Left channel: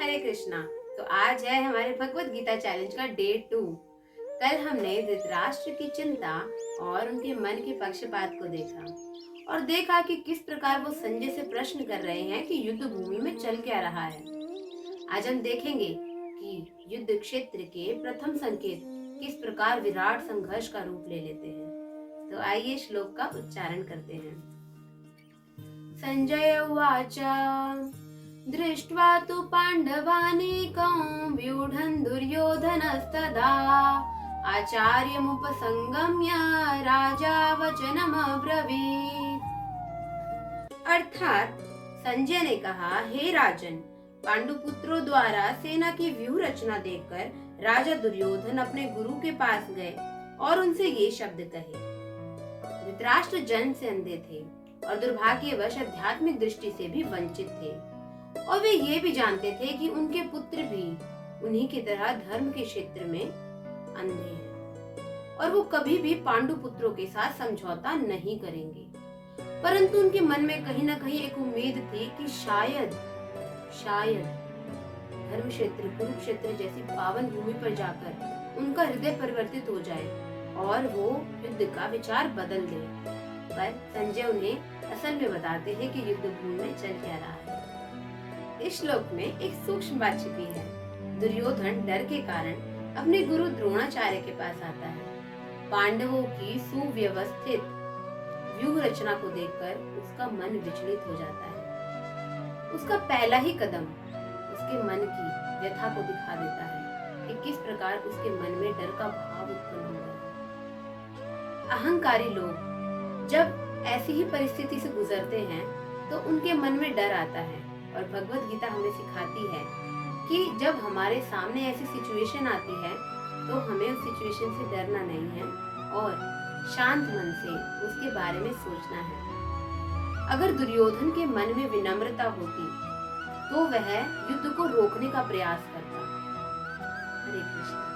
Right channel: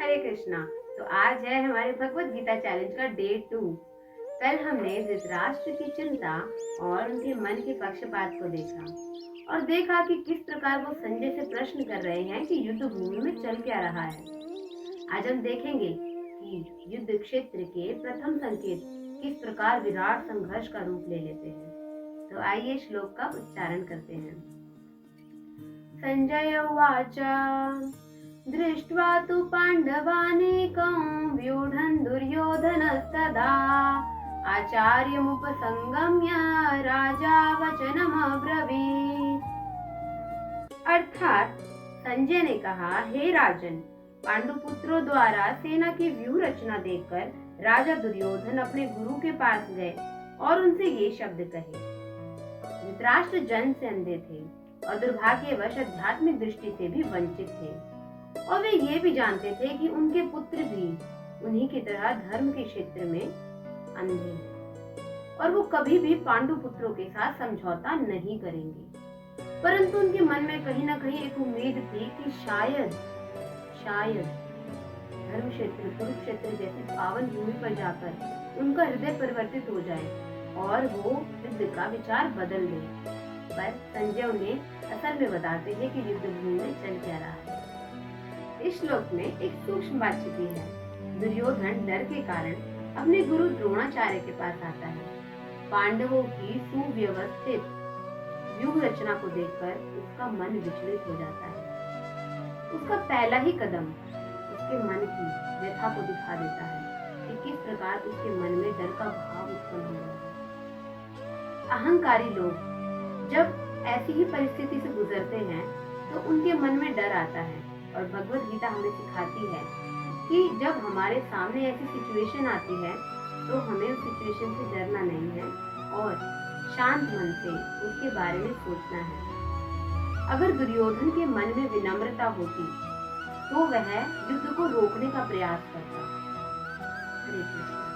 हरे कृष्णा। तो आज है हमारे भगवत गीता चैलेंज का डे 2। कल हमने धृतराष्ट्र की चिंता और उनके मन के पक्षपात को देखा और देखा कि किस प्रकार वो संजय से प्रश्न कर रहे हैं कि युद्ध भूमि में चल क्या रहा है। आज हम देखेंगे कि युद्ध क्षेत्र के प्रथम संकेत किस प्रकार विराट संघर्ष का रूप ले लेते हैं। तो आइए श्लोक का उच्चारण करते हैं। संजय उवाच दृष्ट्वा तु पाण्डवानीकं व्यूढन् दुर्योधनस्तदा आचार्यमुपसंगम्य राजा वचनमब्रवीत्। अर्थात संजय ने कहा, हे राजन, पांडुपुत्रों द्वारा सेना की व्यूह रचना देखकर राजा दुर्योधन अपने गुरु के पास गए और उनसे ये शब्द कहे। धृतराष्ट्र जन्म से अंधे थे और दुर्भाग्यवश आध्यात्मिक दृष्टि से भी वंचित थे और वे ये भी जानते थे कि उनके पुत्र भी उन्हीं की तरह धर्म के क्षेत्र में अंधे हैं और वो कभी भी पांडु पुत्रों के साथ समझौता नहीं करेंगे। परंतु उनके मन में कहीं ना कहीं एक उम्मीद थी कि शायद धर्म क्षेत्र कुरुक्षेत्र जैसी पावन भूमि पर जाकर उनका हृदय परिवर्तित हो जाए और वो युद्ध का विचार बदल दे। पर संजय उन्हें असल में बताते हैं कि युद्ध भूमि में चल क्या रहा है। इस श्लोक में एक सूक्ष्म बात छिपी है। दुर्योधन डर के कारण अपने गुरु द्रोणाचार्य के पास आता है। पांडवों की सुव्यवस्थित व्यूह रचना को देखकर उसका मन विचलित हो जाता है। उसका पहला ही कदम उसके मन की व्यथा को दिखा देता है कि किस प्रकार उसके मन में डर का भाव उत्पन्न हो रहा है। अहंकारी लोग जब ऐसी ही परिस्थिति से गुजरते हैं तो उनके मन में डर आता है और भगवत गीता हमें सिखाती है कि जब हमारे सामने ऐसी सिचुएशन आती है तो हमें उस सिचुएशन से डरना नहीं है और शांत मन से उसके बारे में सोचना है। अगर दुर्योधन के मन में विनम्रता होती तो वह युद्ध को रोकने का प्रयास करता। हरे कृष्ण।